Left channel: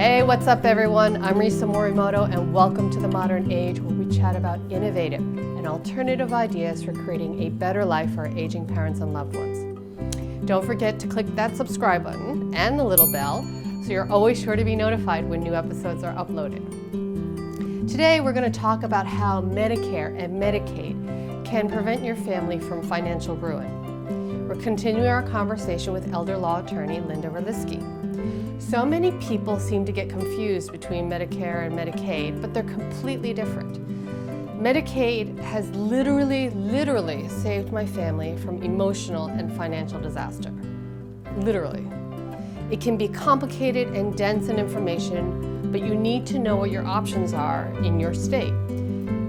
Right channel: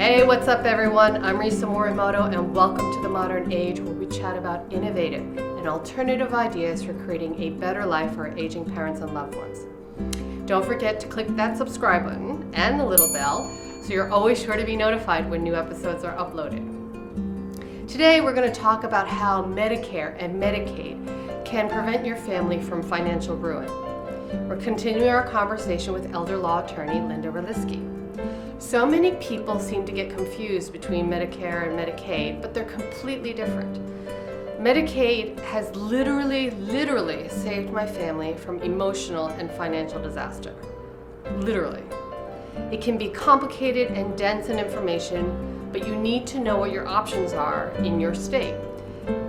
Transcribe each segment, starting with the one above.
Hey, what's up everyone? I'm Risa Morimoto and welcome to The Modern Age, where we chat about innovative and alternative ideas for creating a better life for our aging parents and loved ones. Don't forget to click that subscribe button and the little bell so you're always sure to be notified when new episodes are uploaded. Today we're going to talk about how Medicare and Medicaid can prevent your family from financial ruin. We're continuing our conversation with elder law attorney Linda Roliski. So many people seem to get confused between Medicare and Medicaid, but they're completely different. Medicaid has literally saved my family from emotional and financial disaster. Literally. It can be complicated and dense in information, but you need to know what your options are in your state.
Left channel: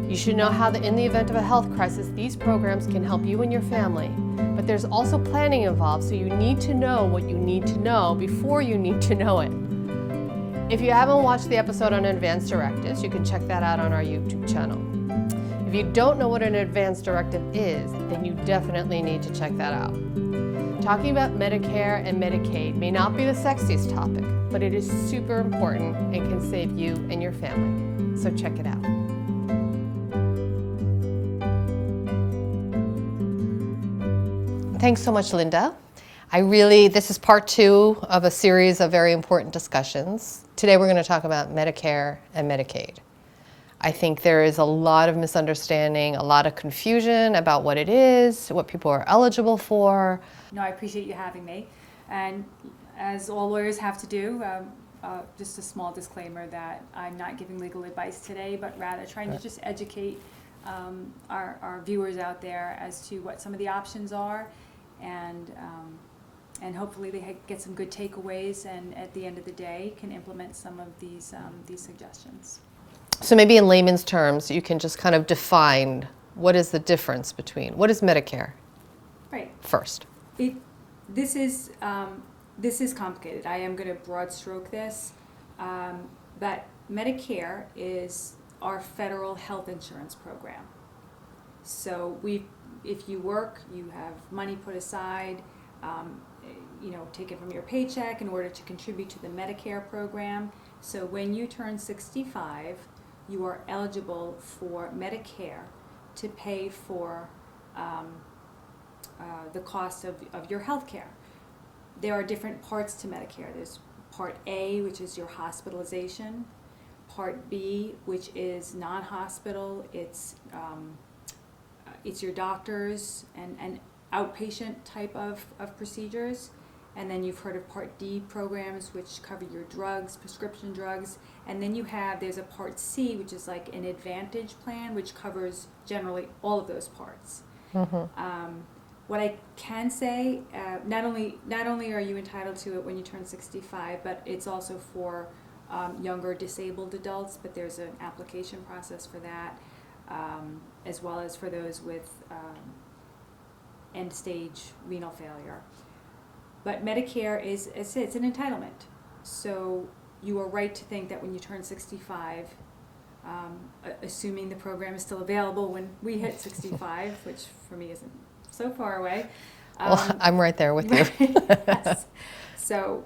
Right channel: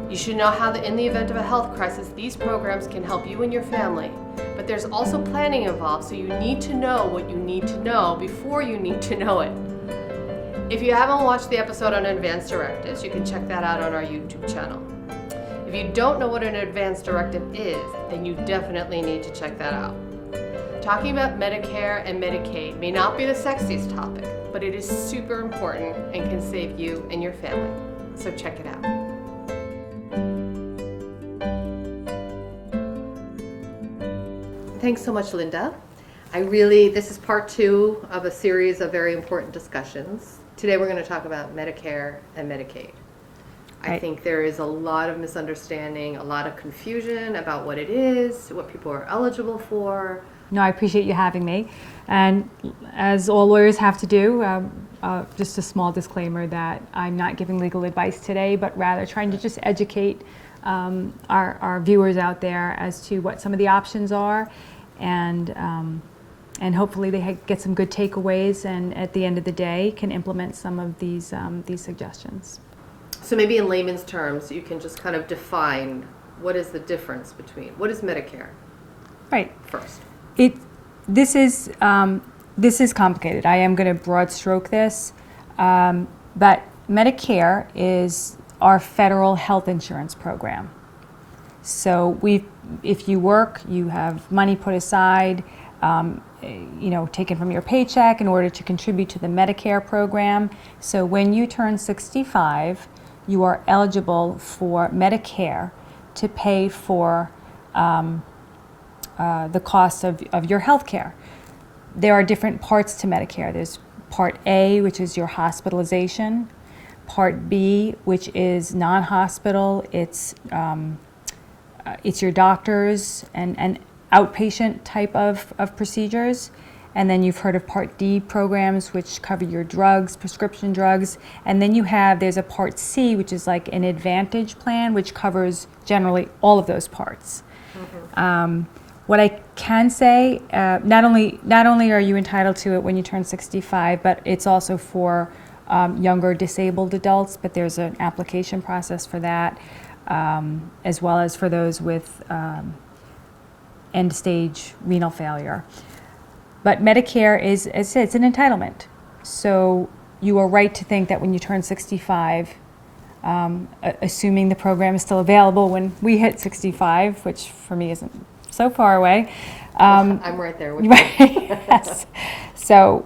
You should know how in the event of a health crisis, these programs can help you and your family. But there's also planning involved, so you need to know what you need to know before you need to know it. If you haven't watched the episode on advance directives, you can check that out on our YouTube channel. If you don't know what an advance directive is, then you definitely need to check that out. Talking about Medicare and Medicaid may not be the sexiest topic, but it is super important and can save you and your family. So check it out. Thanks so much, Linda. This is part 2 of a series of very important discussions. Today we're going to talk about Medicare and Medicaid. I think there is a lot of misunderstanding, a lot of confusion about what it is, what people are eligible for. No, I appreciate you having me. And as all lawyers have to do, just a small disclaimer that I'm not giving legal advice today, but rather trying to just educate our viewers out there as to what some of the options are, and hopefully they get some good takeaways, and at the end of the day can implement some of these suggestions. So maybe in layman's terms, you can just kind of define what is the difference between, what is Medicare? Right. First. This is complicated. I am going to broad stroke this, but Medicare is our federal health insurance program. So if you work, you have money put aside, taken from your paycheck in order to contribute to the Medicare program. So when you turn 65, you are eligible for Medicare to pay for the cost of your health care. There are different parts to Medicare. There's Part A, which is your hospitalization. Part B, which is non-hospital. It's your doctors and outpatient type of procedures. And then you've heard of Part D programs, which cover your drugs, prescription drugs. And then there's a Part C, which is like an Advantage plan, which covers generally all of those parts. Mm-hmm. What I can say, not only are you entitled to it when you turn 65, but it's also for younger disabled adults, but there's an application process for that, as well as for those with end-stage renal failure. But Medicare is, as I said, it's an entitlement. So you are right to think that when you turn 65, assuming the program is still available when we hit 65, which for me isn't so far away. I'm right there with you. Yes. So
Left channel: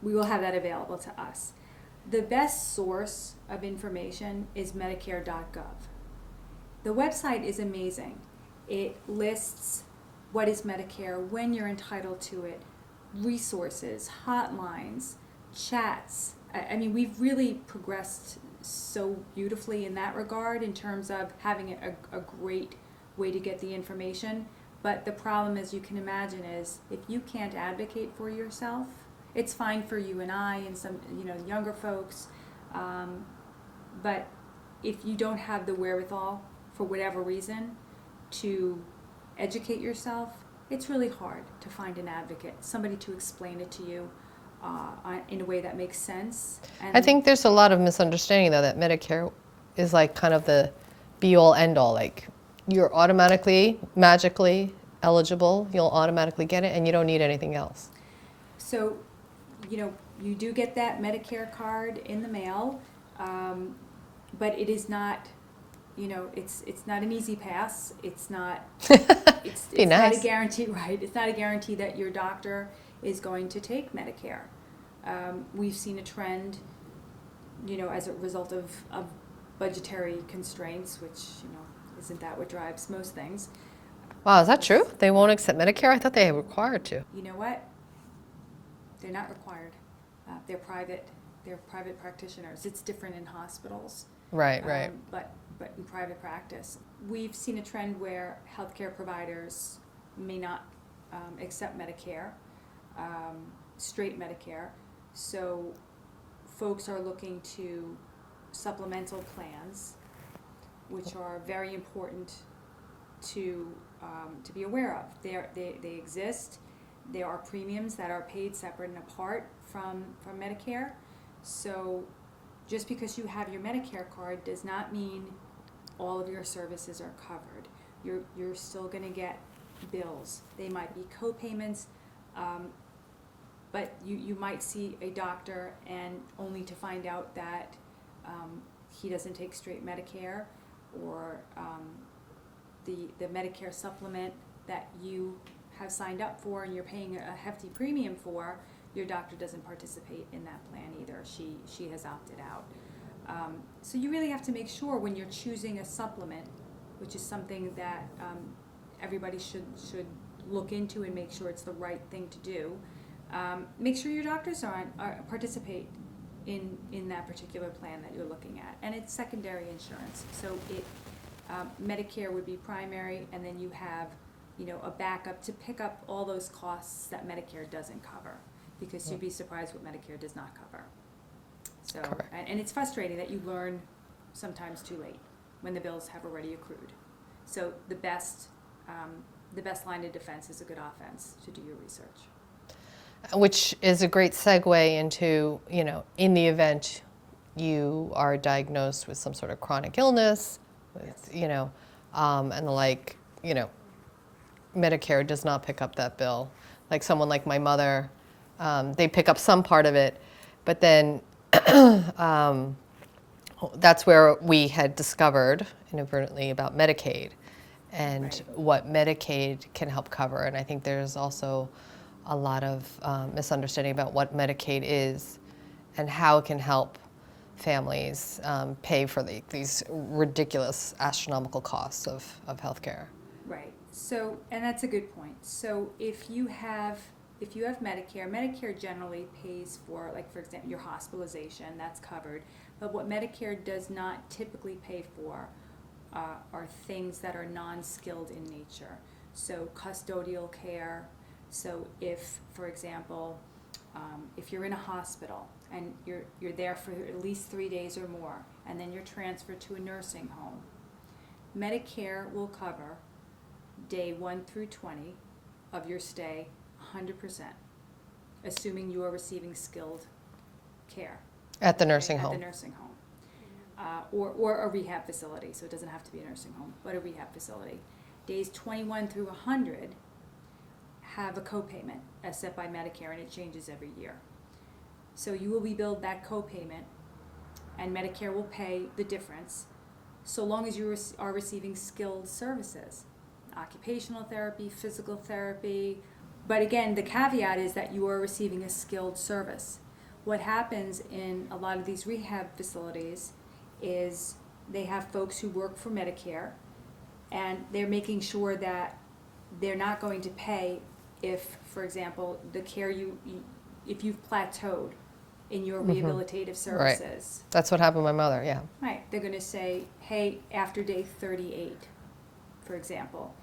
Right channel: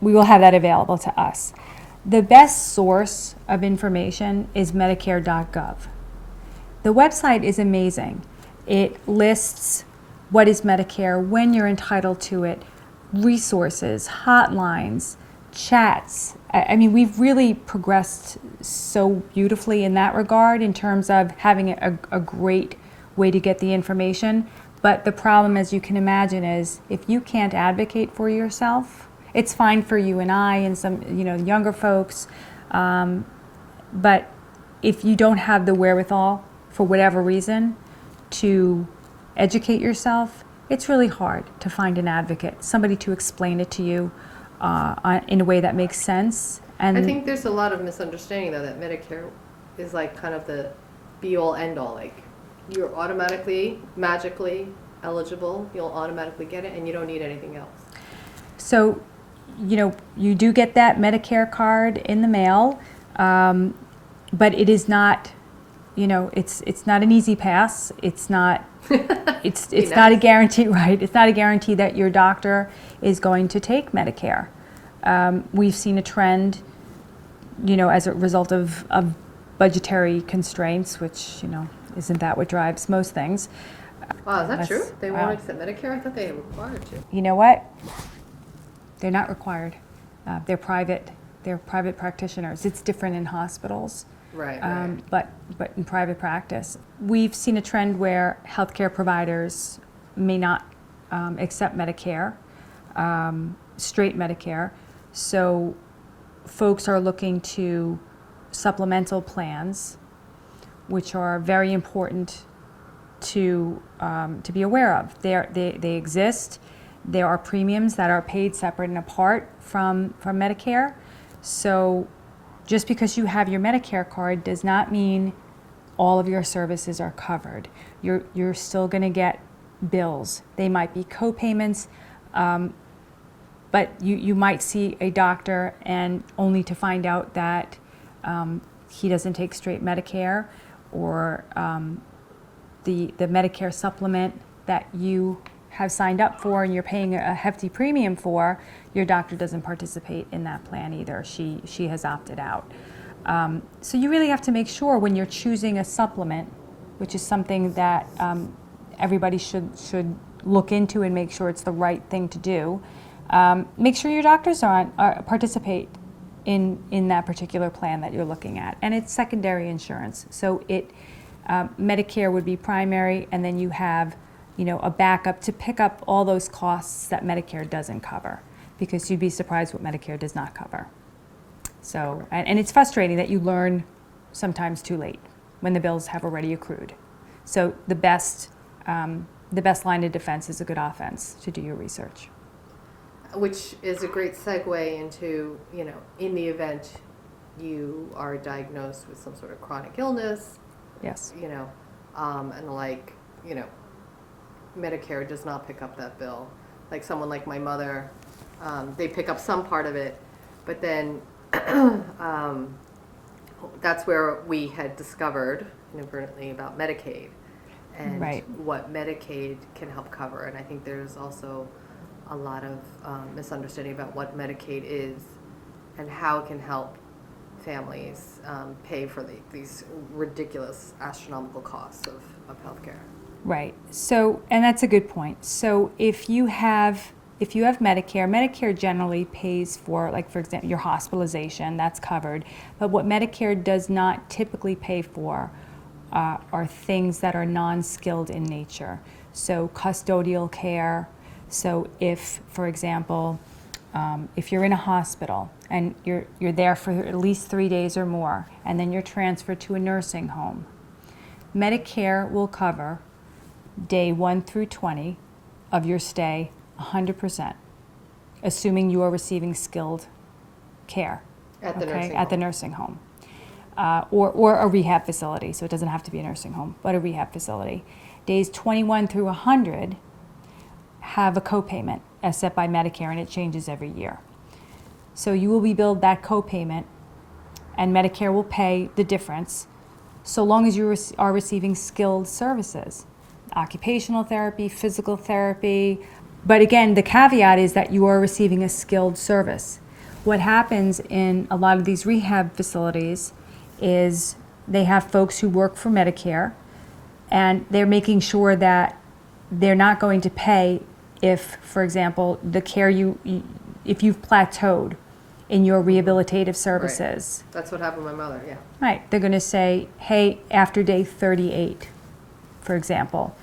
we will have that available to us. The best source of information is Medicare.gov. The website is amazing. It lists what is Medicare, when you're entitled to it, resources, hotlines, chats. I mean, we've really progressed so beautifully in that regard in terms of having a great way to get the information. But the problem, as you can imagine, is if you can't advocate for yourself, it's fine for you and I and some younger folks, but if you don't have the wherewithal for whatever reason to educate yourself, it's really hard to find an advocate, somebody to explain it to you in a way that makes sense. And I think there's a lot of misunderstanding, though, that Medicare is like kind of the be-all, end-all. Like, you're automatically, magically eligible, you'll automatically get it, and you don't need anything else. So, you do get that Medicare card in the mail, but it is not, it's not an easy pass. It's not, it's not a guarantee, right? It's not a guarantee that your doctor is going to take Medicare. We've seen a trend, as a result of budgetary constraints, which, isn't that what drives most things. Wow, is that That's- true? They won't wow. accept Medicare? I thought they were required to. You know what? They're not required. They're private. They're private practitioners. It's different in hospitals. Right, right. But in private practice, we've seen a trend where healthcare providers may not accept Medicare, straight Medicare. So folks are looking to supplemental plans, which are very important to be aware of. They exist. There are premiums that are paid separate and apart from Medicare. So just because you have your Medicare card does not mean all of your services are covered. You're still going to get bills. They might be co-payments, but you might see a doctor and only to find out that he doesn't take straight Medicare, or the Medicare supplement that you have signed up for and you're paying a hefty premium for, your doctor doesn't participate in that plan either. She has opted out. So you really have to make sure when you're choosing a supplement, which is something that everybody should look into and make sure it's the right thing to do. Make sure your doctors participate in that particular plan that you're looking at. And it's secondary insurance. So Medicare would be primary, and then you have a backup to pick up all those costs that Medicare doesn't cover, because you'd be surprised what Medicare does not cover. So, and it's frustrating that you learn sometimes too late when the bills have already accrued. So the best line of defense is a good offense, to do your research. Which is a great segue into, in the event you are diagnosed with some sort of chronic illness, Yes. And Medicare does not pick up that bill. Like someone like my mother, they pick up some part of it, but then that's where we had discovered inadvertently about Medicaid and Right. what Medicaid can help cover. And I think there's also a lot of misunderstanding about what Medicaid is and how it can help families pay for these ridiculous astronomical costs of healthcare. Right. So, and that's a good point. So if you have Medicare, Medicare generally pays for, like, for example, your hospitalization, that's covered. But what Medicare does not typically pay for are things that are non-skilled in nature. So custodial care. So if, for example, if you're in a hospital and you're there for at least 3 days or more, and then you're transferred to a nursing home, Medicare will cover day 1 through 20 of your stay 100%, assuming you are receiving skilled care. At the nursing home. At the nursing home. Or a rehab facility, so it doesn't have to be a nursing home, but a rehab facility. Days 21 through 100 have a copayment as set by Medicare, and it changes every year. So you will be billed that copayment, and Medicare will pay the difference so long as you are receiving skilled services, occupational therapy, physical therapy. But again, the caveat is that you are receiving a skilled service. What happens in a lot of these rehab facilities is they have folks who work for Medicare, and they're making sure that they're not going to pay if, for example, the care if you've plateaued in your rehabilitative services. Right. That's what happened to my mother, yeah. Right. They're going to say, hey, after day 38, for example,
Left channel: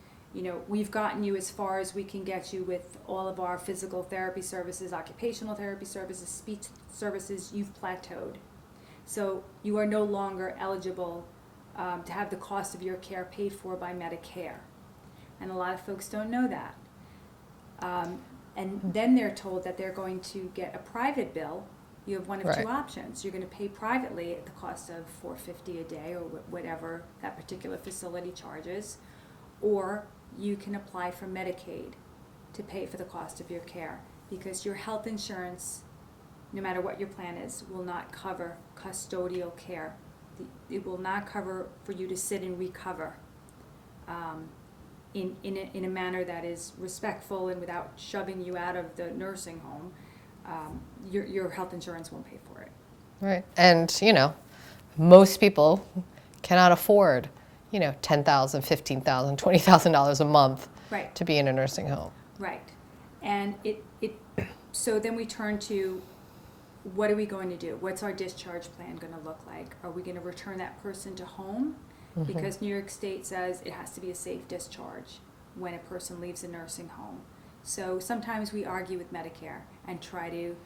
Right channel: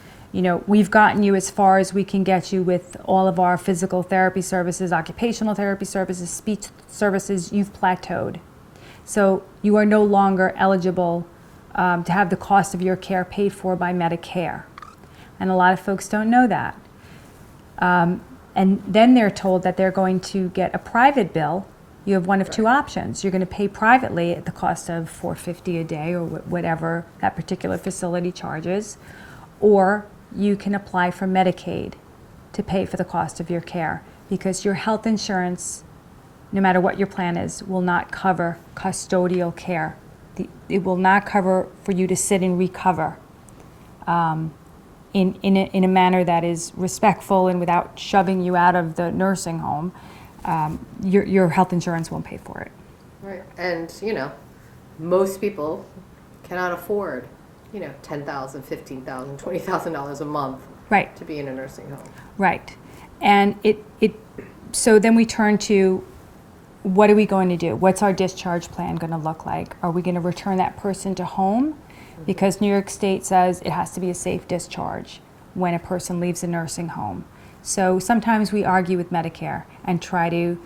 we've gotten you as far as we can get you with all of our physical therapy services, occupational therapy services, speech services. You've plateaued. So you are no longer eligible to have the cost of your care paid for by Medicare. And a lot of folks don't know that. And then they're told that they're going to get a private bill. You have one of two options. You're going to pay privately at the cost of $450 a day or whatever that particular facility charges, or you can apply for Medicaid to pay for the cost of your care, because your health insurance, no matter what your plan is, will not cover custodial care. It will not cover for you to sit and recover in a manner that is respectful and without shoving you out of the nursing home. your health insurance won't pay for it. Right. And, most people cannot afford, $10,000, $15,000, $20,000 a month Right. to be in a nursing home. Right. And so then we turn to, what are we going to do? What's our discharge plan going to look like? Are we going to return that person to home? Because New York State says it has to be a safe discharge when a person leaves a nursing home. So sometimes we argue with Medicare and try to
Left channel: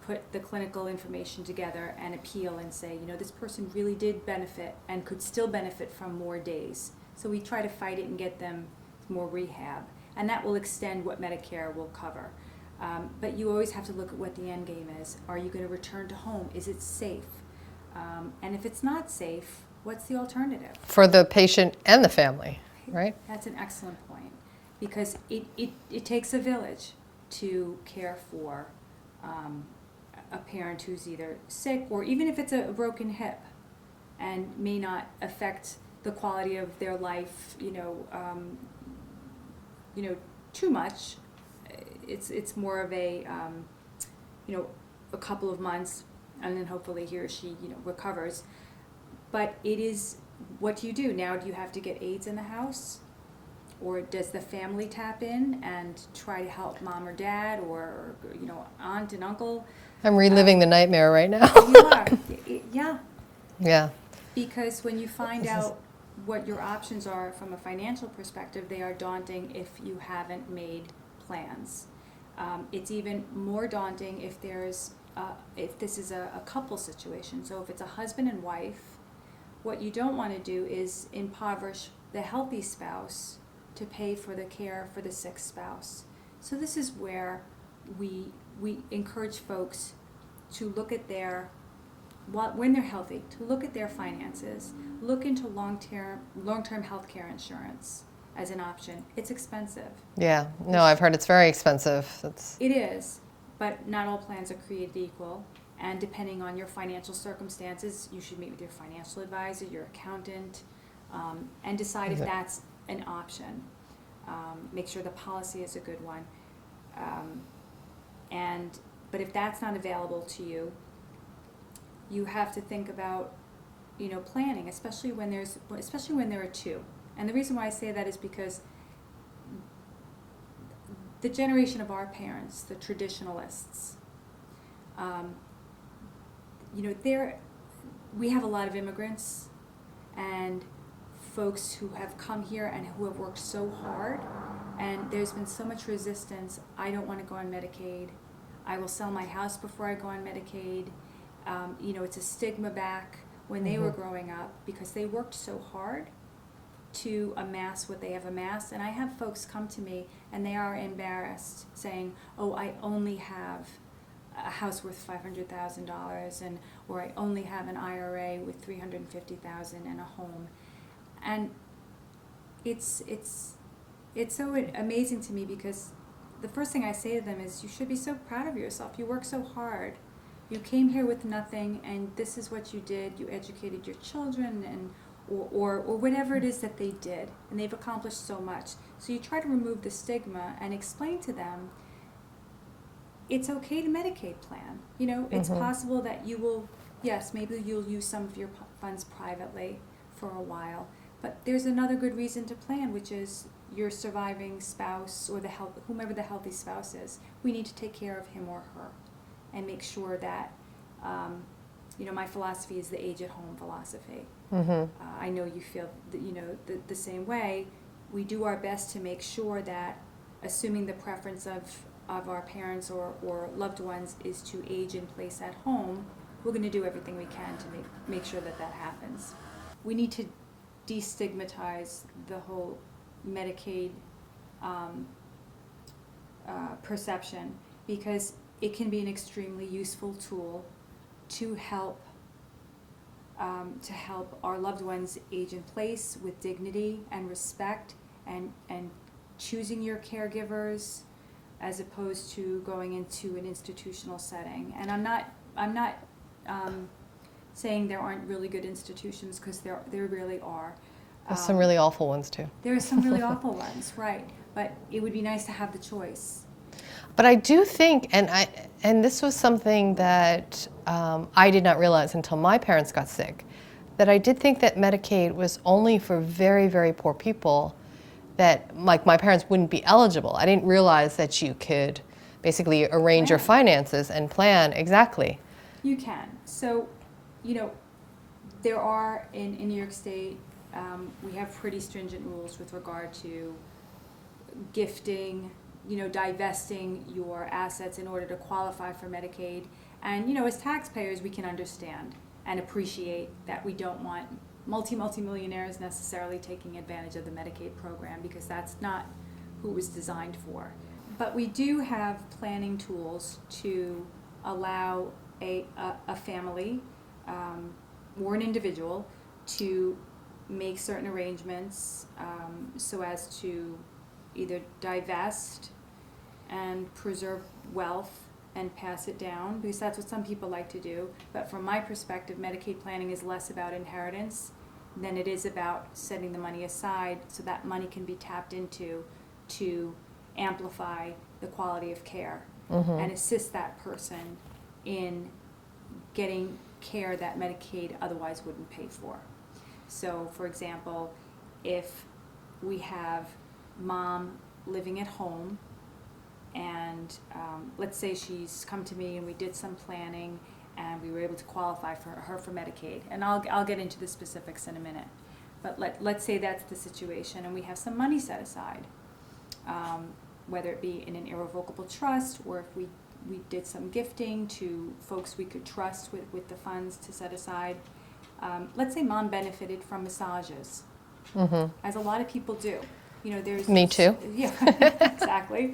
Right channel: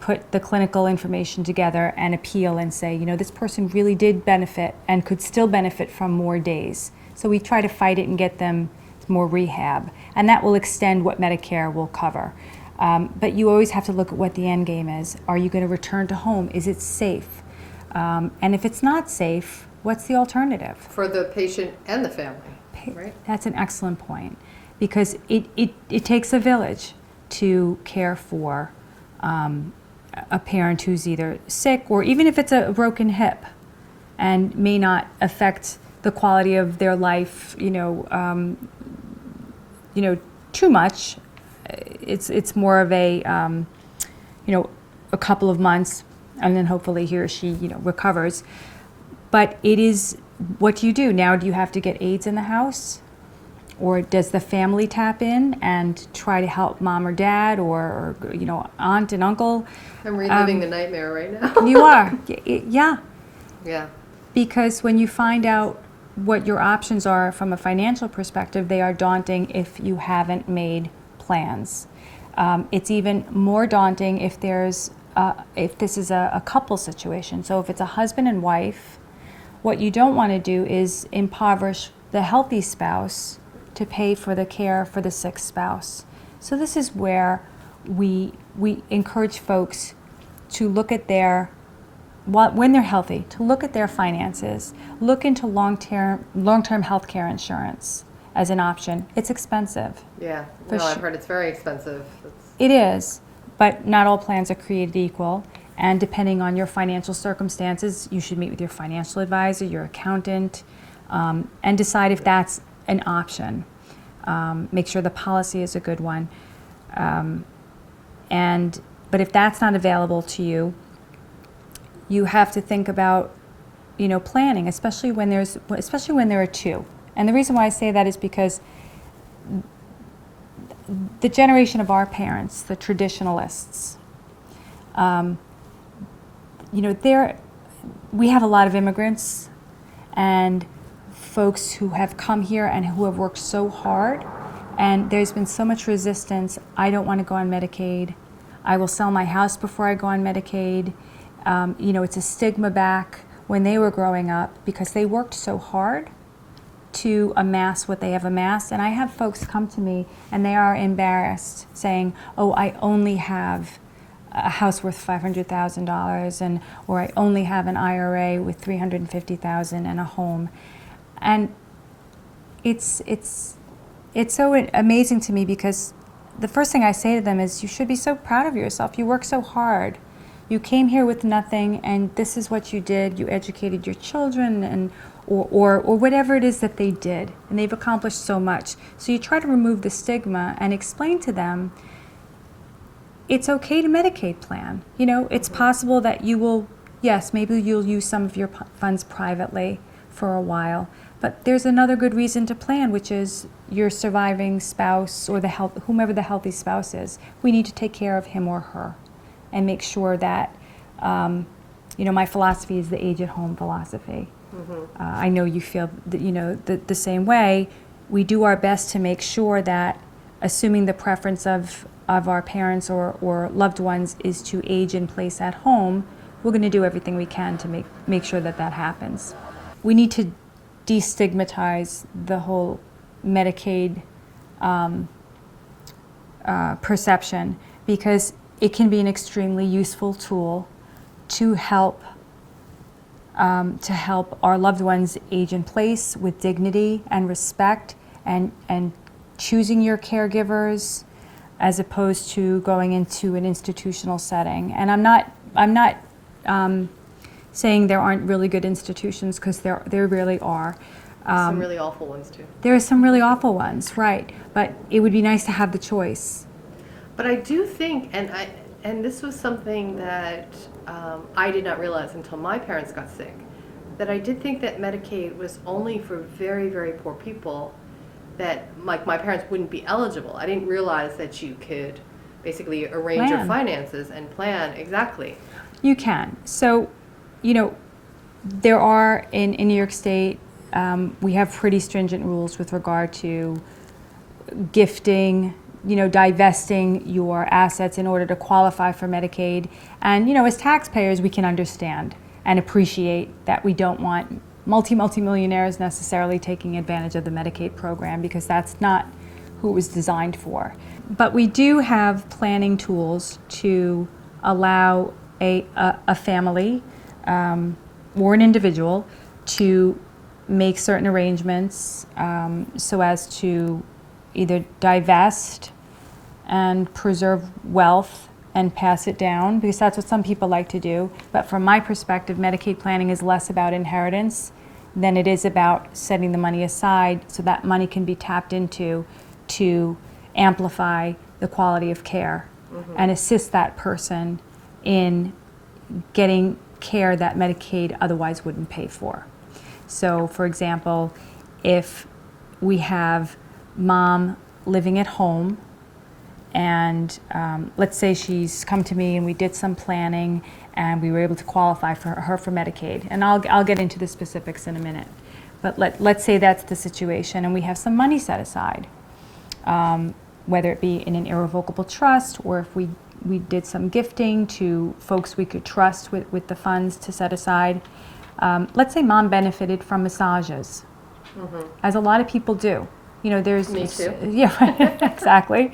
put the clinical information together and appeal and say, this person really did benefit and could still benefit from more days. So we try to fight it and get them more rehab, and that will extend what Medicare will cover. But you always have to look at what the end game is. Are you going to return to home? Is it safe? And if it's not safe, what's the alternative? For the patient and the family, right? That's an excellent point, because it takes a village to care for a parent who's either sick, or even if it's a broken hip and may not affect the quality of their life, too much. It's more of a couple of months, and then hopefully he or she recovers. But it is, what do you do now? Do you have to get aides in the house, or does the family tap in and try to help mom or dad, or aunt and uncle? I'm reliving the nightmare right now. You are, yeah. Yeah. Because when you find out what your options are from a financial perspective, they are daunting if you haven't made plans. It's even more daunting if if this is a couple situation. So if it's a husband and wife, what you don't want to do is impoverish the healthy spouse to pay for the care for the sick spouse. So this is where we encourage folks to look at when they're healthy, to look at their finances, look into long-term health care insurance as an option. It's expensive. Yeah, no, I've heard it's very expensive. It is, but not all plans are created equal. And depending on your financial circumstances, you should meet with your financial advisor, your accountant, and decide if that's an option. Make sure the policy is a good one. But if that's not available to you, you have to think about, planning, especially when there are two. And the reason why I say that is because the generation of our parents, the traditionalists, we have a lot of immigrants and folks who have come here and who have worked so hard, and there's been so much resistance. I don't want to go on Medicaid. I will sell my house before I go on Medicaid. It's a stigma back when they were growing up because they worked so hard to amass what they have amassed. And I have folks come to me and they are embarrassed saying, oh, I only have a house worth $500,000, or I only have an IRA with $350,000 and a home. And it's so amazing to me, because the first thing I say to them is, you should be so proud of yourself. You work so hard. You came here with nothing, and this is what you did. You educated your children, or whatever it is that they did, and they've accomplished so much. So you try to remove the stigma and explain to them it's okay to Medicaid plan. It's possible that you will, yes, maybe you'll use some of your funds privately for a while, but there's another good reason to plan, which is your surviving spouse or whomever the healthy spouse is. We need to take care of him or her and make sure that, my philosophy is the age-at-home philosophy. I know you feel the same way. We do our best to make sure that, assuming the preference of our parents or loved ones is to age in place at home, we're going to do everything we can to make sure that happens. We need to destigmatize the whole Medicaid perception, because it can be an extremely useful tool to help our loved ones age in place with dignity and respect, and choosing your caregivers as opposed to going into an institutional setting. And I'm not saying there aren't really good institutions, because there really are. Some really awful ones too. There are some really awful ones, right? But it would be nice to have the choice. But I do think, and this was something that I did not realize until my parents got sick, that I did think that Medicaid was only for very, very poor people, that like my parents wouldn't be eligible. I didn't realize that you could basically arrange your Plan. finances and plan exactly. You can. So, you know, there are in New York State, we have pretty stringent rules with regard to gifting, you know, divesting your assets in order to qualify for Medicaid. And, you know, as taxpayers, we can understand and appreciate that we don't want multi-millionaires necessarily taking advantage of the Medicaid program, because that's not who it was designed for. But we do have planning tools to allow a family or an individual to make certain arrangements so as to either divest and preserve wealth and pass it down, because that's what some people like to do. But from my perspective, Medicaid planning is less about inheritance than it is about setting the money aside so that money can be tapped into to amplify the quality of care and assist that person in getting care that Medicaid otherwise wouldn't pay for. So, for example, if we have mom living at home, and let's say she's come to me and we did some planning and we were able to qualify for her for Medicaid, and I'll get into the specifics in a minute. But let's say that's the situation, and we have some money set aside, whether it be in an irrevocable trust, or if we did some gifting to folks we could trust with the funds to set aside. Let's say mom benefited from massages, as a lot of people do. You know, there's Me too. Yeah, exactly.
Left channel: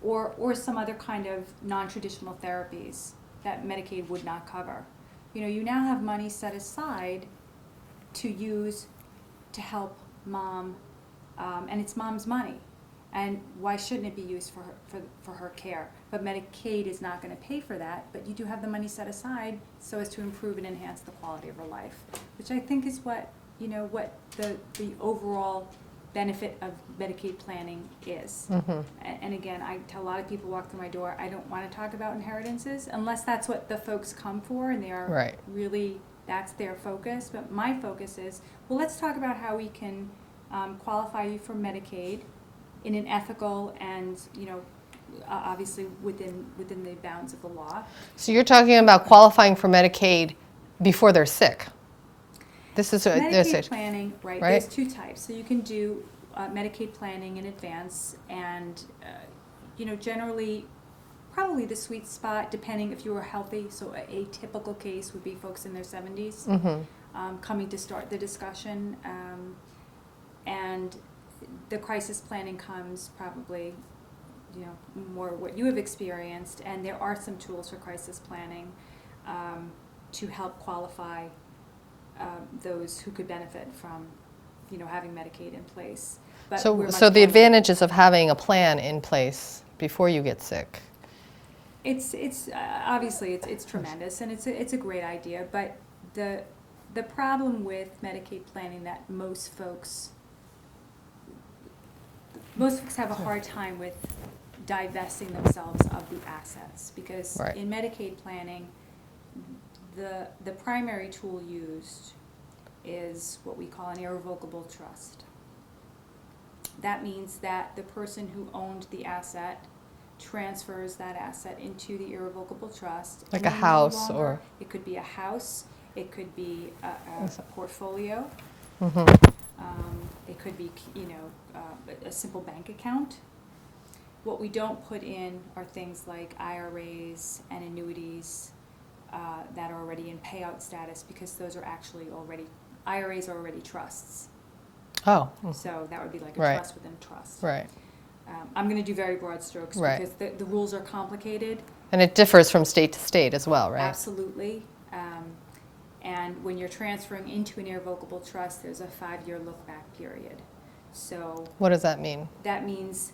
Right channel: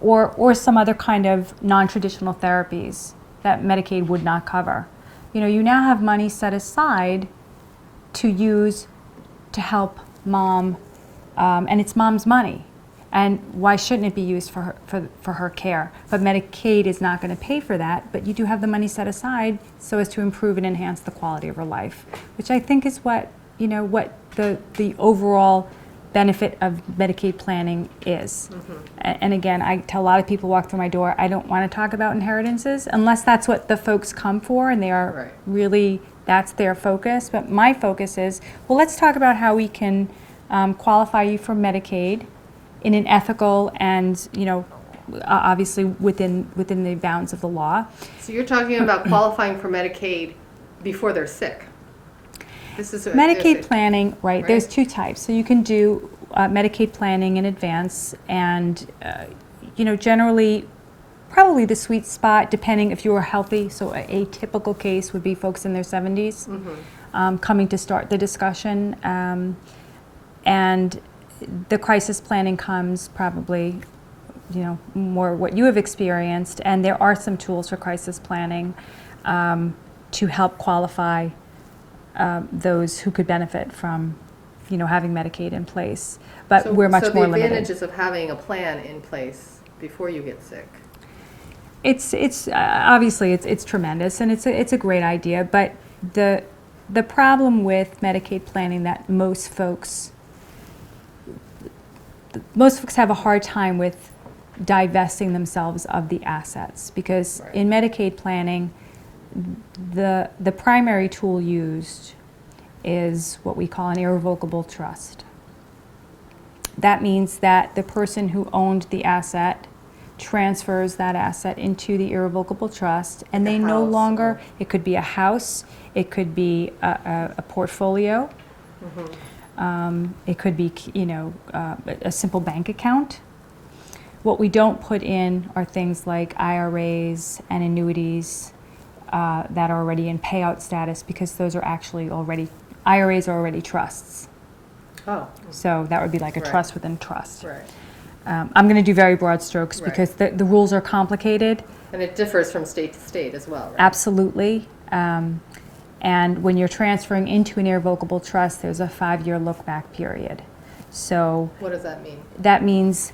Or some other kind of non-traditional therapies that Medicaid would not cover. You know, you now have money set aside to use to help mom, and it's mom's money. And why shouldn't it be used for her care? But Medicaid is not going to pay for that, but you do have the money set aside so as to improve and enhance the quality of her life, which I think is what the overall benefit of Medicaid planning is. And again, I tell a lot of people walk through my door, I don't want to talk about inheritances unless that's what the folks come for and they are really, that's their focus. But my focus is, well, let's talk about how we can qualify you for Medicaid in an ethical and, you know, obviously within the bounds of the law. So you're talking about qualifying for Medicaid before they're sick. This is Medicaid planning, right? There's two types. So you can do Medicaid planning in advance, and you know, generally, probably the sweet spot, depending if you are healthy. So a typical case would be folks in their 70s coming to start the discussion, and the crisis planning comes probably, you know, more what you have experienced, and there are some tools for crisis planning to help qualify those who could benefit from, you know, having Medicaid in place. But so, we're much so more the limited. advantages of having a plan in place before you get sick. It's obviously it's tremendous, and it's a great idea. But the problem with Medicaid planning that most folks have a hard time with divesting themselves of the assets, because in Medicaid planning, the primary tool used is what we call an irrevocable trust. That means that the person who owned the asset transfers that asset into the irrevocable trust, and they no longer, it could be a house, it could be a portfolio, it could be, you know, a simple bank account. What we don't put in are things like IRAs and annuities that are already in payout status, because those are actually IRAs are already trusts. Oh. So that would be like a trust within trust. Right. I'm going to do very broad strokes because the rules are complicated. And it differs from state to state as well, right? Absolutely. And when you're transferring into an irrevocable trust, there's a 5-year look-back period. So what does that mean? That means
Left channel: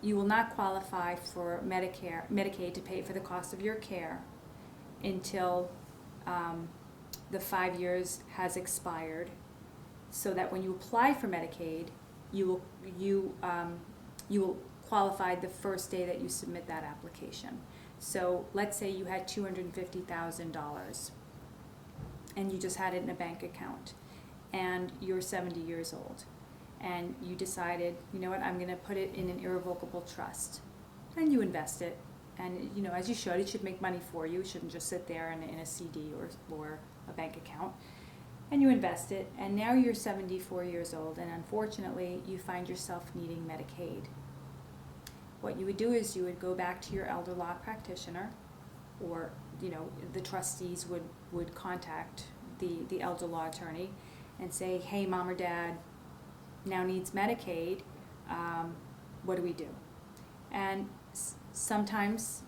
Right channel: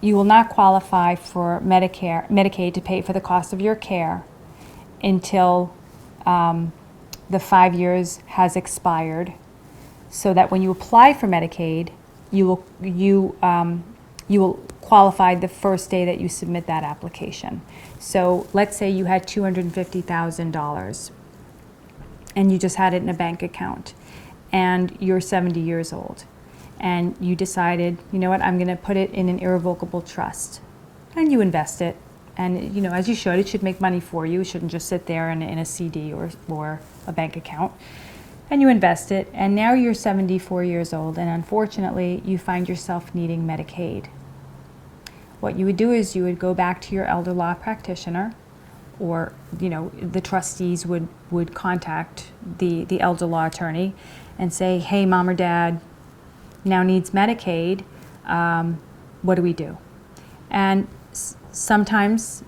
you will not qualify for Medicaid to pay for the cost of your care until the 5 years has expired, so that when you apply for Medicaid, you will qualified the first day that you submit that application. So let's say you had $250,000 and you just had it in a bank account and you're 70 years old and you decided, you know what, I'm going to put it in an irrevocable trust, and you invest it. And, you know, as you should, it should make money for you. It shouldn't just sit there in a CD or a bank account. And you invest it, and now you're 74 years old, and unfortunately, you find yourself needing Medicaid. What you would do is you would go back to your elder law practitioner, or, you know, the trustees would contact the elder law attorney and say, hey, mom or dad now needs Medicaid. What do we do? And sometimes,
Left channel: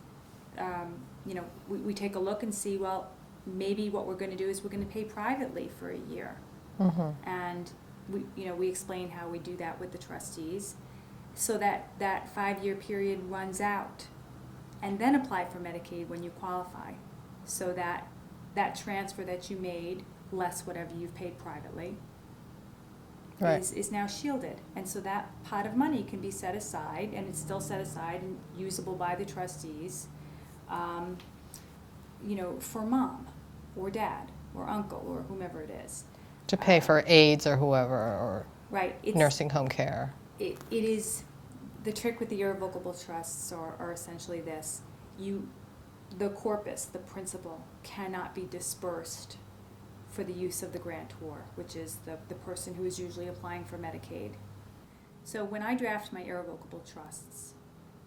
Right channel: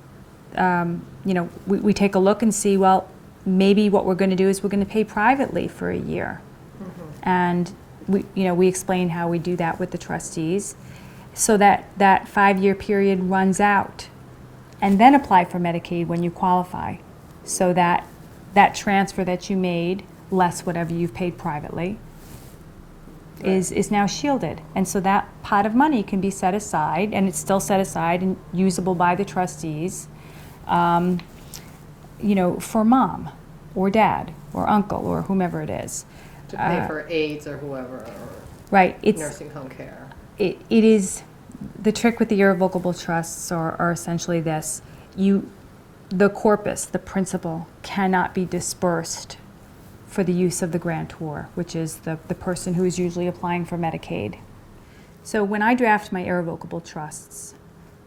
you know, we take a look and see, well, maybe what we're going to do is we're going to pay privately for a year. And we explain how we do that with the trustees, so that 5-year period runs out, and then apply for Medicaid when you qualify, so that that transfer that you made, less whatever you've paid privately, is now shielded. And so that pot of money can be set aside, and it's still set aside and usable by the trustees, you know, for mom or dad or uncle or whomever it is. To pay for aides or whoever, or Right. It's, nursing home care. it is, the trick with the irrevocable trusts are essentially this. The corpus, the principal, cannot be dispersed for the use of the grantor, which is the person who is usually applying for Medicaid. So when I draft my irrevocable trusts,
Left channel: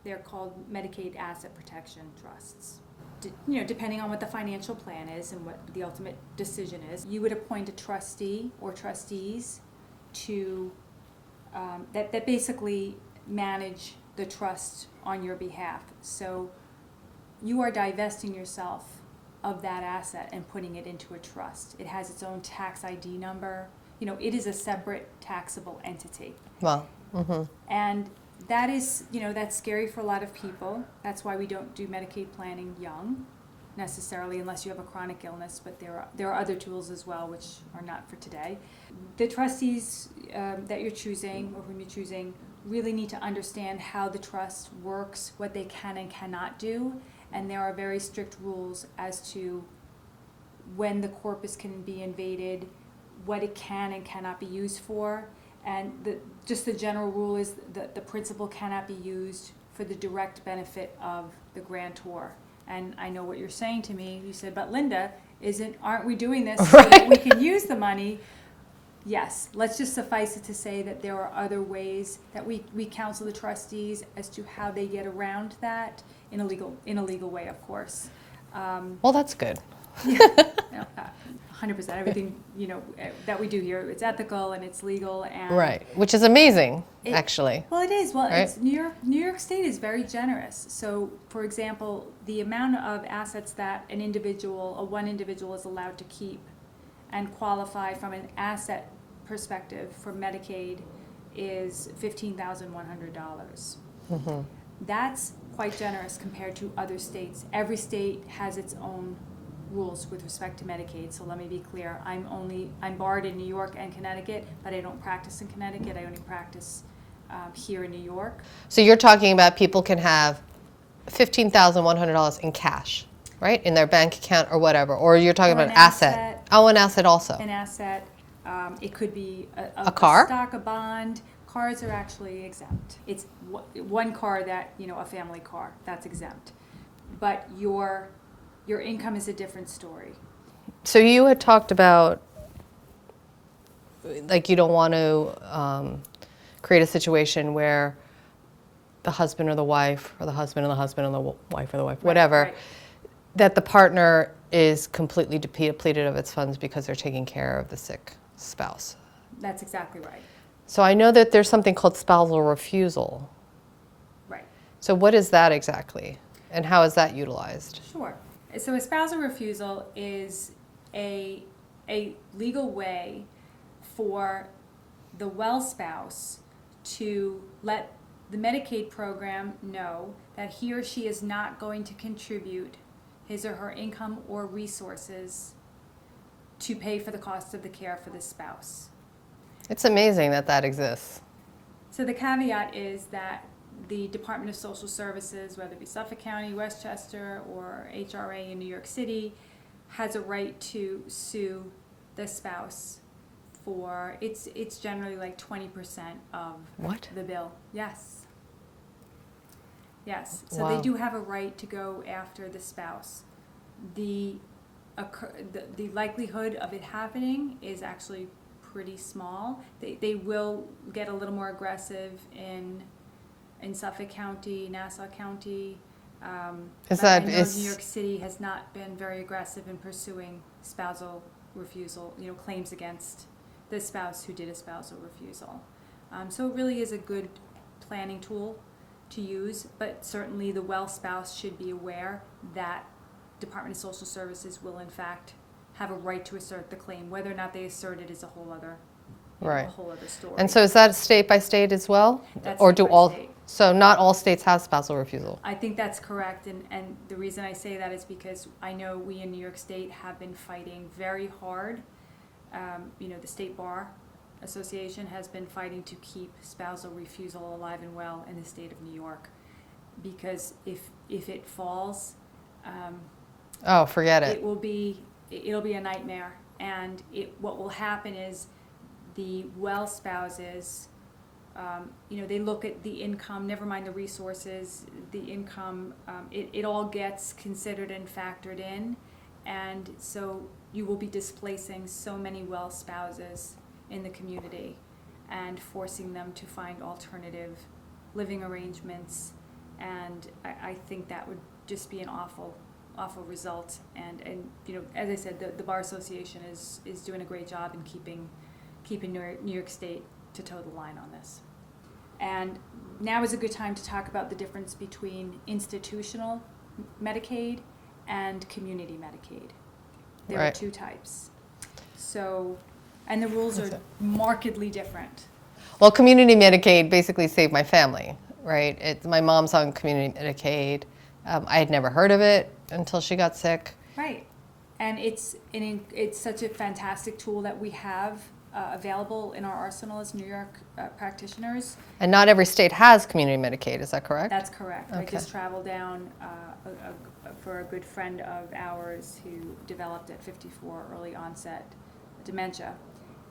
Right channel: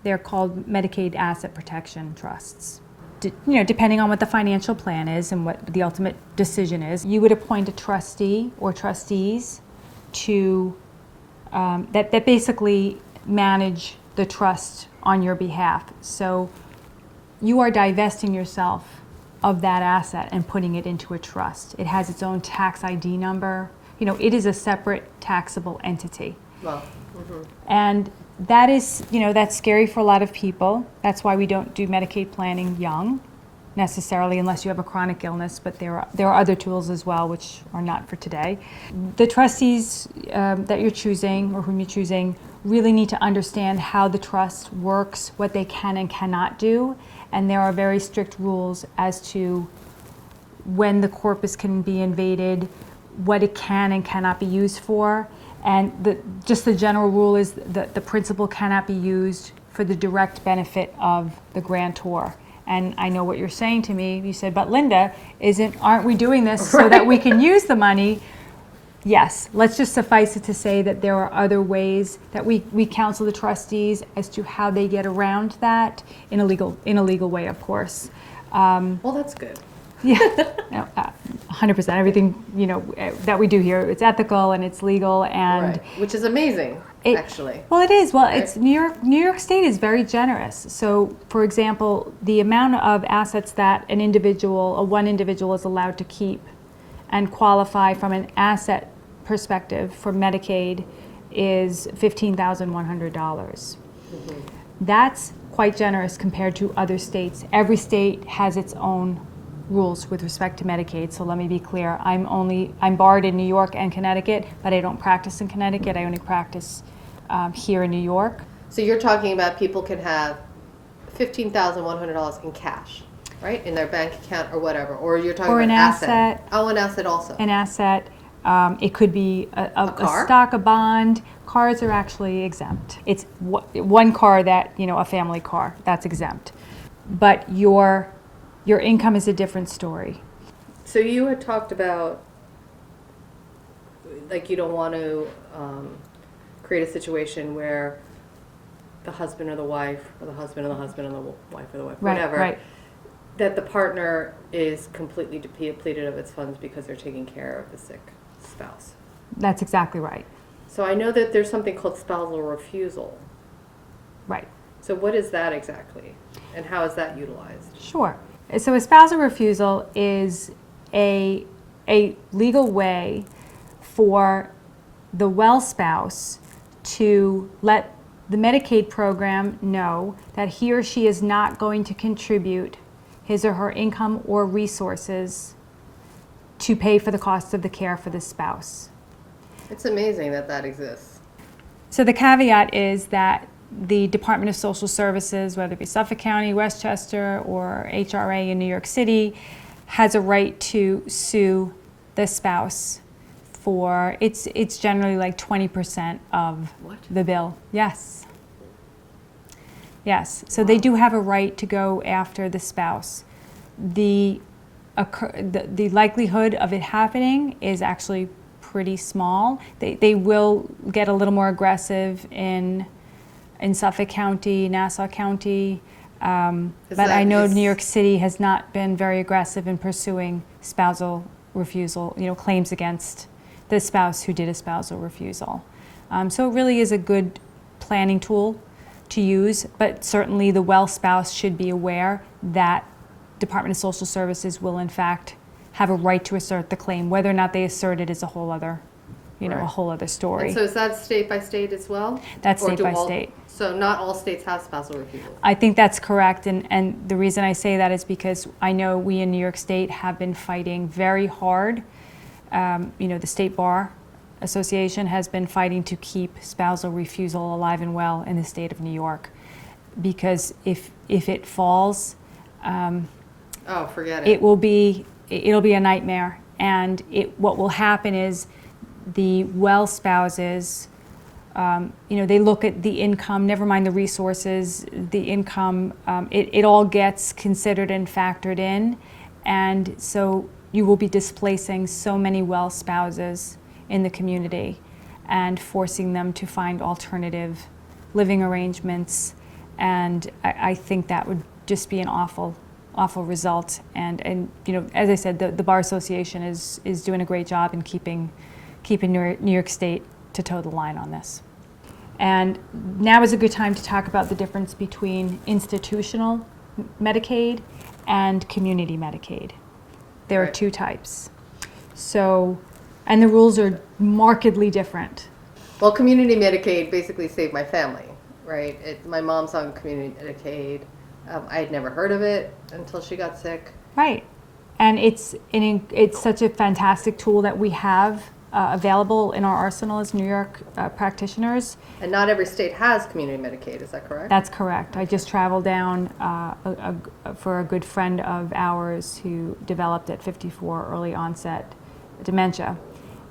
they're called Medicaid Asset Protection Trusts. You know, depending on what the financial plan is and what the ultimate decision is, you would appoint a trustee or trustees to that basically manage the trust on your behalf. So you are divesting yourself of that asset and putting it into a trust. It has its own tax ID number. You know, it is a separate taxable entity. Well, And that is, you know, that's scary for a lot of people. That's why we don't do Medicaid planning young, necessarily, unless you have a chronic illness, but there are other tools as well, which are not for today. The trustees that you're choosing, or whom you're choosing, really need to understand how the trust works, what they can and cannot do, and there are very strict rules as to when the corpus can be invaded, what it can and cannot be used for. And just the general rule is that the principal cannot be used for the direct benefit of the grantor. And I know what you're saying to me. You said, but Linda, aren't we doing this so that we can use the money? Yes, let's just suffice it to say that there are other ways that we counsel the trustees as to how they get around that in a legal way, of course. well, that's good. Yeah, no, 100%. Everything, you know, that we do here, it's ethical and it's legal, and Right, which is amazing, actually. Well, it is. Well, Right? it's New York State is very generous. So, for example, the amount of assets that one individual is allowed to keep and qualify from an asset perspective for Medicaid is $15,100. That's quite generous compared to other states. Every state has its own rules with respect to Medicaid. So let me be clear. I'm barred in New York and Connecticut, but I don't practice in Connecticut. I only practice here in New York. So you're talking about people can have $15,100 in cash, right, in their bank account or whatever, or you're talking Or about an asset. asset. Oh, an asset also. An asset. It could be a car? stock, a bond. Cars are actually exempt. It's one car that, you know, a family car, that's exempt. But your income is a different story. So you had talked about, like, you don't want to create a situation where the husband or the wife, or the husband and the husband and the wife or the wife, Right, whatever, right. that the partner is completely depleted of its funds because they're taking care of the sick spouse. That's exactly right. So I know that there's something called spousal refusal. Right. So what is that exactly, and how is that utilized? Sure. So a spousal refusal is a legal way for the well spouse to let the Medicaid program know that he or she is not going to contribute his or her income or resources to pay for the costs of the care for the spouse. It's amazing that that exists. So the caveat is that the Department of Social Services, whether it be Suffolk County, Westchester, or HRA in New York City, has a right to sue the spouse for, it's generally like 20% of What? the bill. Yes. Yes, so they Wow. do have a right to go after the spouse. The likelihood of it happening is actually pretty small. They will get a little more aggressive in Suffolk County, Nassau County, but I know New York City has not been very aggressive in pursuing spousal refusal, claims against the spouse who did a spousal refusal. So it really is a good planning tool to use, but certainly the well spouse should be aware that Department of Social Services will in fact have a right to assert the claim. Whether or not they assert it is a whole other, Right. a whole other story. And so is that state by state as well? That's Or state do by all, state. So not all states have spousal refusal? I think that's correct, and the reason I say that is because I know we in New York State have been fighting very hard. The State Bar Association has been fighting to keep spousal refusal alive and well in the state of New York, because if it falls, Oh, forget it. it'll be a nightmare, and what will happen is the well spouses, they look at the income, never mind the resources, the income, it all gets considered and factored in, and so you will be displacing so many well spouses in the community and forcing them to find alternative living arrangements, and I think that would just be an awful result. And as I said, the Bar Association is doing a great job in keeping New York State to toe the line on this. And now is a good time to talk about the difference between institutional Medicaid and community Medicaid. There are Right. two types. So, and the rules are markedly different. Well, community Medicaid basically saved my family, right? My mom's on community Medicaid. I had never heard of it until she got sick. Right. And it's such a fantastic tool that we have available in our arsenal as New York practitioners. And not every state has community Medicaid, is that correct? That's correct. I Okay. just traveled down for a good friend of ours who developed at 54 early onset dementia.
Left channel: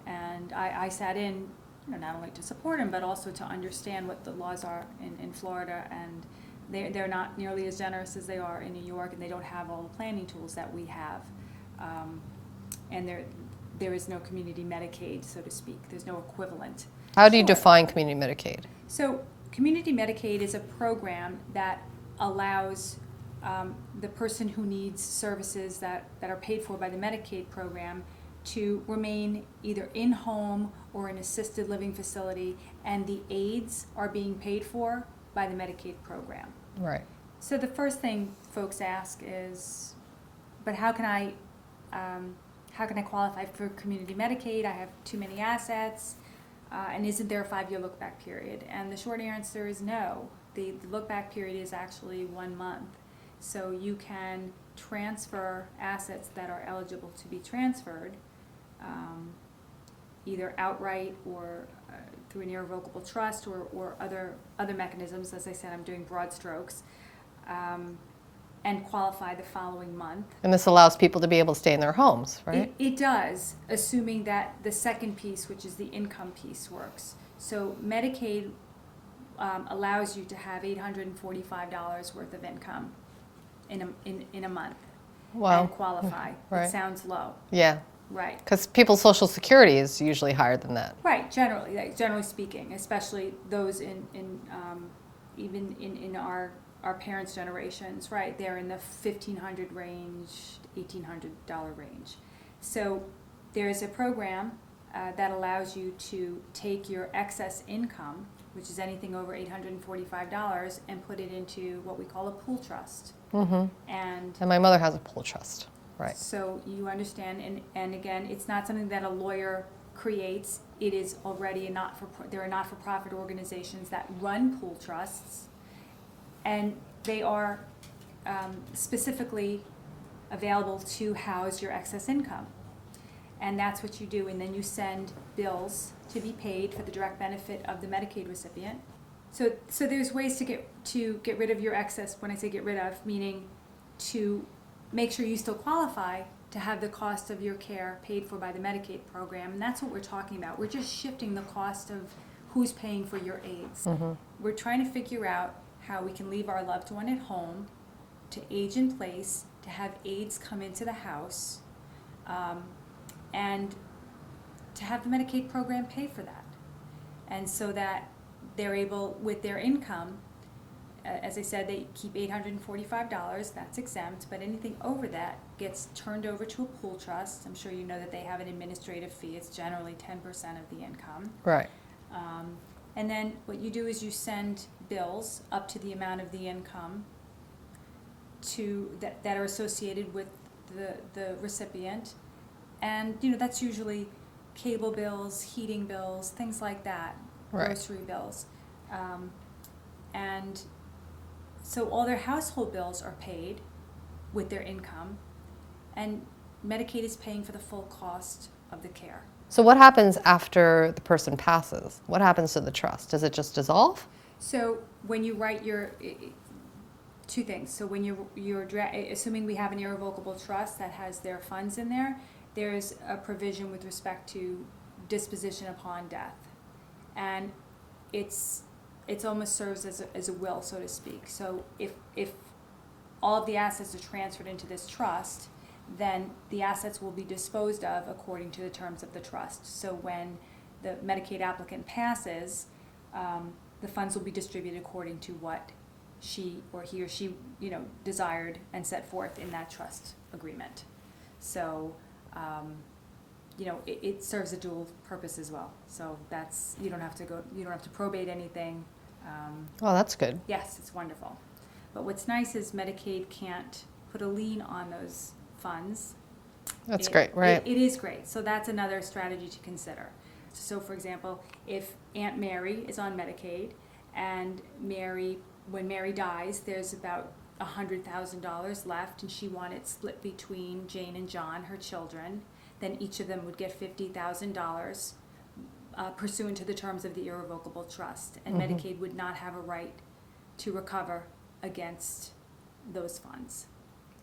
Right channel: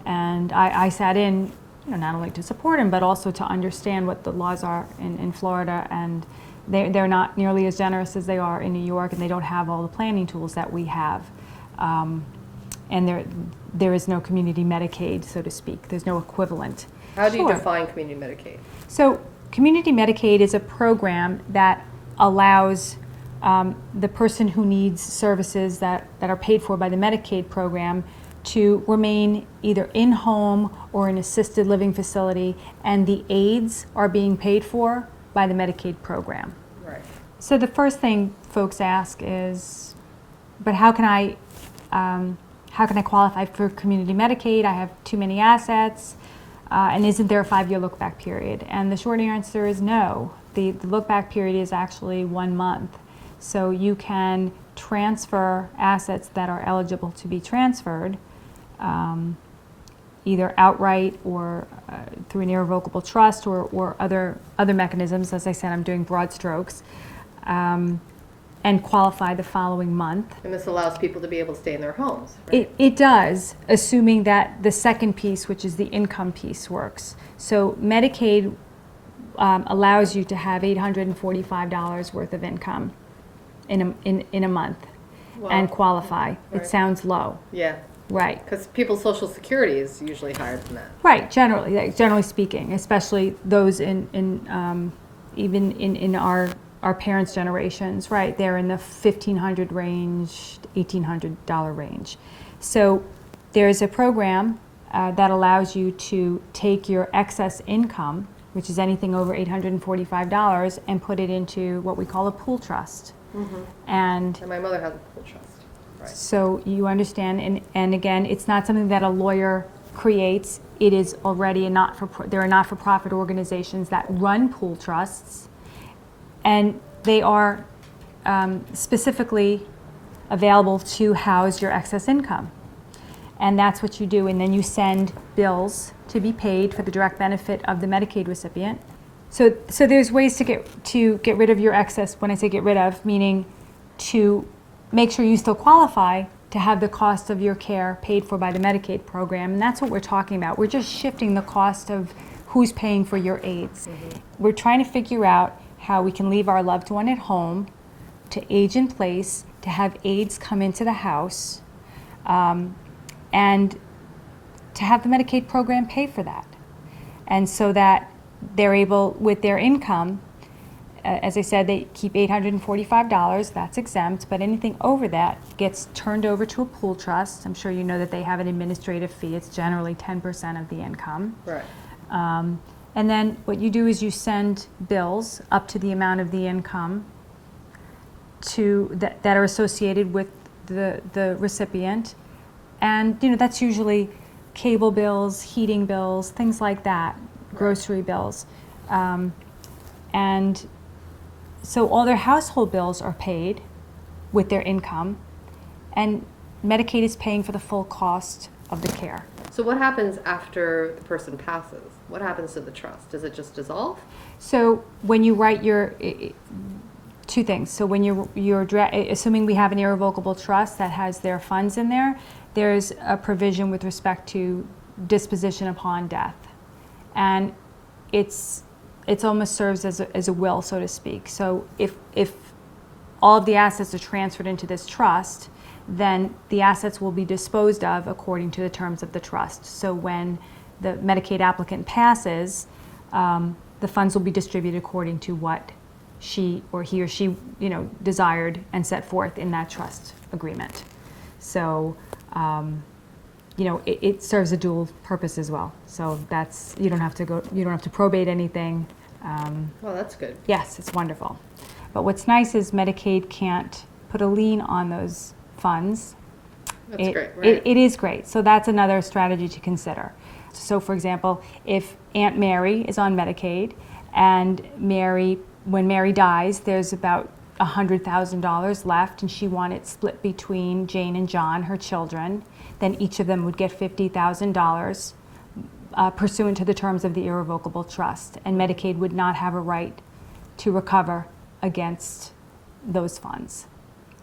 And I sat in, not only to support him, but also to understand what the laws are in Florida. And they're not nearly as generous as they are in New York, and they don't have all the planning tools that we have. And there is no community Medicaid, so to speak. There's no equivalent. How do you Sure. define community Medicaid? So community Medicaid is a program that allows the person who needs services that are paid for by the Medicaid program to remain either in home or in assisted living facility, and the aids are being paid for by the Medicaid program. Right. So the first thing folks ask is, but how can I qualify for community Medicaid? I have too many assets, and isn't there a 5-year look-back period? And the short answer is no. The look-back period is actually 1 month. So you can transfer assets that are eligible to be transferred, either outright or through an irrevocable trust or other mechanisms. As I said, I'm doing broad strokes, and qualify the following month. And this allows people to be able to stay in their homes, right? It does, assuming that the second piece, which is the income piece, works. So Medicaid allows you to have $845 worth of income in a month Wow. and qualify. Right. It sounds low, Yeah, right? because people's Social Security is usually higher than that. Right, generally speaking, especially those even in our parents' generations, right? They're in the $1,500 range, $1,800 range. So there's a program that allows you to take your excess income, which is anything over $845, and put it into what we call a pool trust. Mm-hmm. And And my mother has a pool trust, right? so you understand, and again, it's not something that a lawyer creates. It is already there are not-for-profit organizations that run pool trusts, and they are specifically available to house your excess income. And that's what you do, and then you send bills to be paid for the direct benefit of the Medicaid recipient So there's ways to get rid of your excess. When I say get rid of, meaning to make sure you still qualify to have the cost of your care paid for by the Medicaid program, and that's what we're talking about. We're just shifting the cost of who's paying for your aids. We're trying to figure out how we can leave our loved one at home to age in place, to have aides come into the house, and to have the Medicaid program pay for that. And so that they're able, with their income, as I said, they keep $845, that's exempt, but anything over that gets turned over to a pool trust. I'm sure you know that they have an administrative fee. It's generally 10% of the income. Right. And then what you do is you send bills up to the amount of the income that are associated with the recipient. And that's usually cable bills, heating bills, things like that, grocery bills. And so all their household bills are paid with their income, and Medicaid is paying for the full cost of the care. So what happens after the person passes? What happens to the trust? Does it just dissolve? So when you write two things. So when you're assuming we have an irrevocable trust that has their funds in there, there's a provision with respect to disposition upon death, and it's almost serves as a will, so to speak. So if all of the assets are transferred into this trust, then the assets will be disposed of according to the terms of the trust. So when the Medicaid applicant passes, the funds will be distributed according to what he or she desired and set forth in that trust agreement. So it serves a dual purpose as well. So that's, you don't have to probate anything. Well, that's good. Yes, it's wonderful. But what's nice is Medicaid can't put a lien on those funds. That's great, right? It is great. So that's another strategy to consider. So for example, if Aunt Mary is on Medicaid and when Mary dies, there's about $100,000 left, and she wanted it split between Jane and John, her children, then each of them would get $50,000 pursuant to the terms of the irrevocable trust, and Medicaid would not have a right to recover against those funds.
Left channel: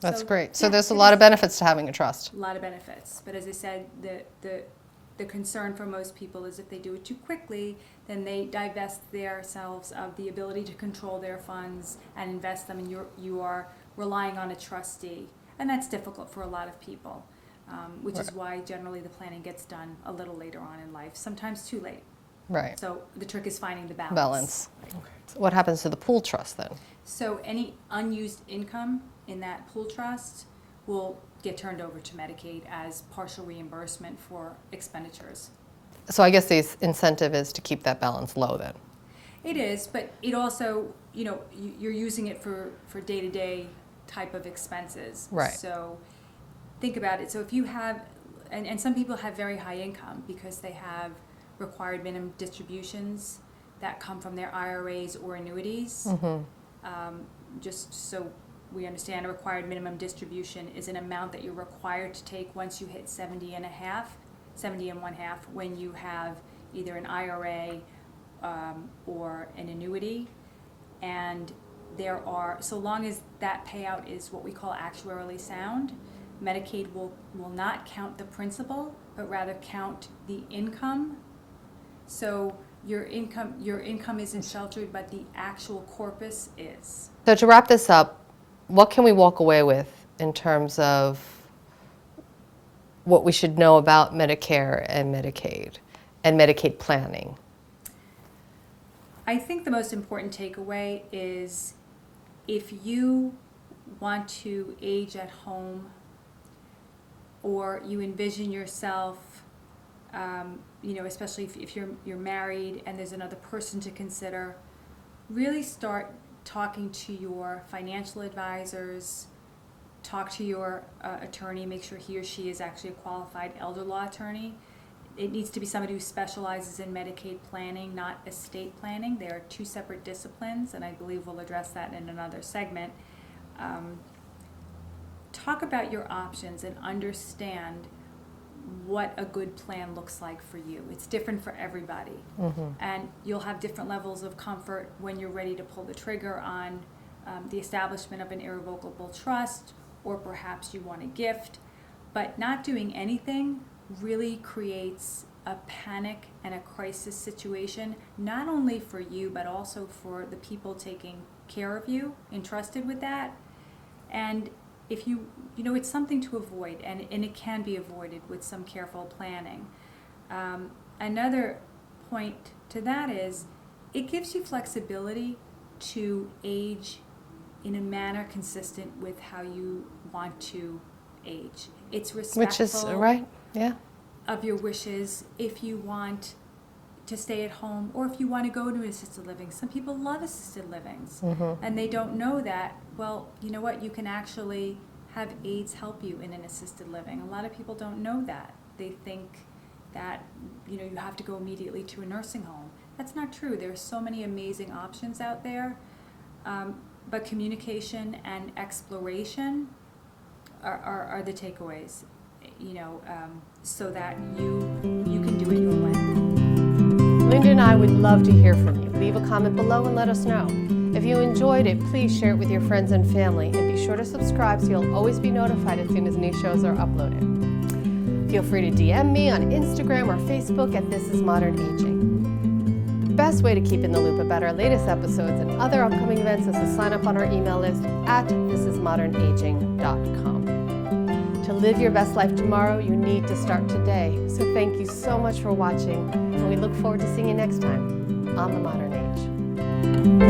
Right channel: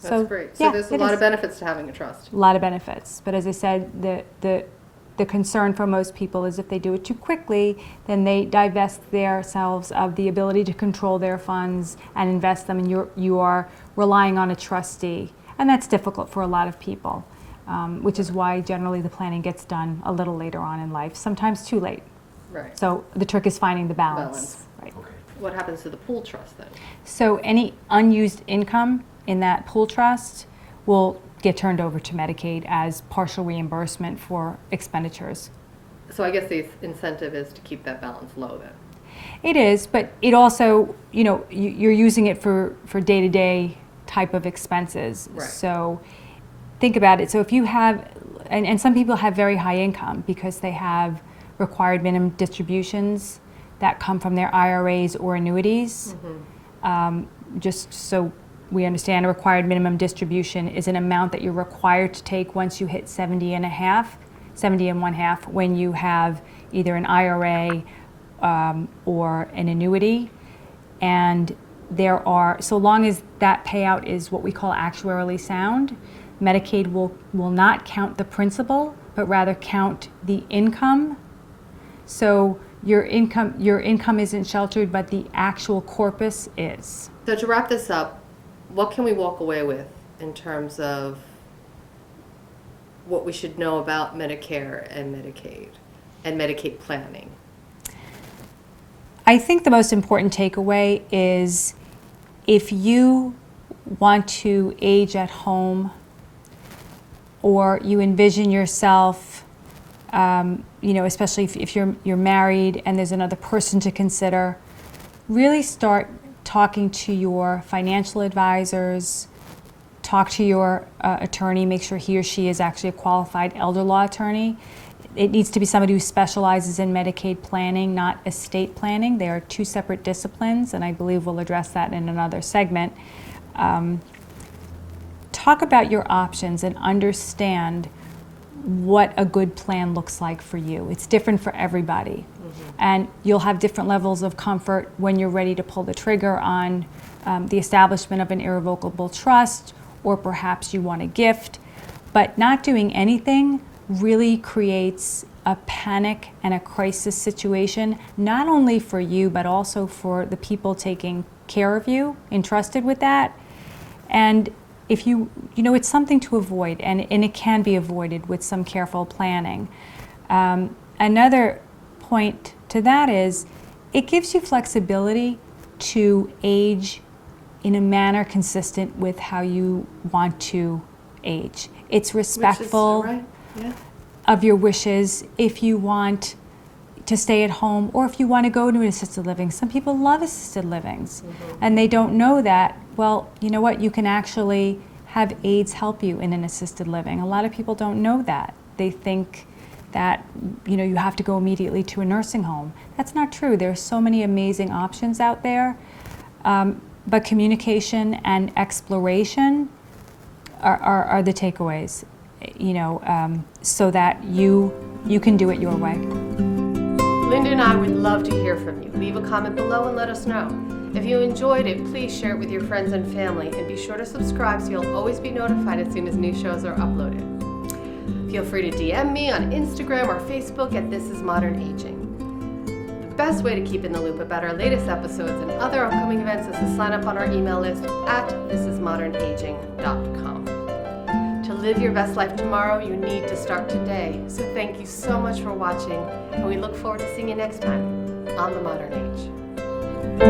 That's great. So yeah, there's a lot of benefits to having a trust. A lot of benefits, but as I said, the concern for most people is if they do it too quickly, then they divest themselves of the ability to control their funds and invest them, and you are relying on a trustee. And that's difficult for a lot of people, which is why generally the planning gets done a little later on in life, sometimes too late. Right. So the trick is finding the balance. Right. What happens to the pool trust then? So any unused income in that pool trust will get turned over to Medicaid as partial reimbursement for expenditures. So I guess the incentive is to keep that balance low then. It is, but it also, you're using it for day-to-day type of expenses. Right. So think about it. So if you have, and some people have very high income because they have required minimum distributions that come from their IRAs or annuities. Just so we understand, a required minimum distribution is an amount that you're required to take once you hit 70 and one half when you have either an IRA or an annuity. And so long as that payout is what we call actuarially sound, Medicaid will not count the principal, but rather count the income. So your income isn't sheltered, but the actual corpus is. So to wrap this up, what can we walk away with in terms of what we should know about Medicare and Medicaid and Medicaid planning? I think the most important takeaway is if you want to age at home or you envision yourself, especially if you're married and there's another person to consider, really start talking to your financial advisors, talk to your attorney, make sure he or she is actually a qualified elder law attorney. It needs to be somebody who specializes in Medicaid planning, not estate planning. They are two separate disciplines, and I believe we'll address that in another segment. Talk about your options and understand what a good plan looks like for you. It's different for everybody. And you'll have different levels of comfort when you're ready to pull the trigger on the establishment of an irrevocable trust, or perhaps you want a gift. But not doing anything really creates a panic and a crisis situation, not only for you, but also for the people taking care of you, entrusted with that. And if you know, it's something to avoid, and it can be avoided with some careful planning. Another point to that is it gives you flexibility to age in a manner consistent with how you want to age. It's respectful Which is, right? Yeah. of your wishes. If you want to stay at home, or if you want to go to an assisted living. Some people love assisted livings, and they don't know that. Well, you know what? You can actually have aides help you in an assisted living. A lot of people don't know that. They think that, you know, you have to go immediately to a nursing home. That's not true. There are so many amazing options out there. But communication and exploration are the takeaways, you know, so that you can do it your way. Linda and I would love to hear from you. Leave a comment below and let us know. If you enjoyed it, please share it with your friends and family, and be sure to subscribe so you'll always be notified as soon as new shows are uploaded. Feel free to DM me on Instagram or Facebook at This Is Modern Aging. The best way to keep in the loop about our latest episodes and other upcoming events is to sign up on our email list at thisismodernaging.com. To live your best life tomorrow, you need to start today. So thank you so much for watching, and we look forward to seeing you next time on The Modern Age.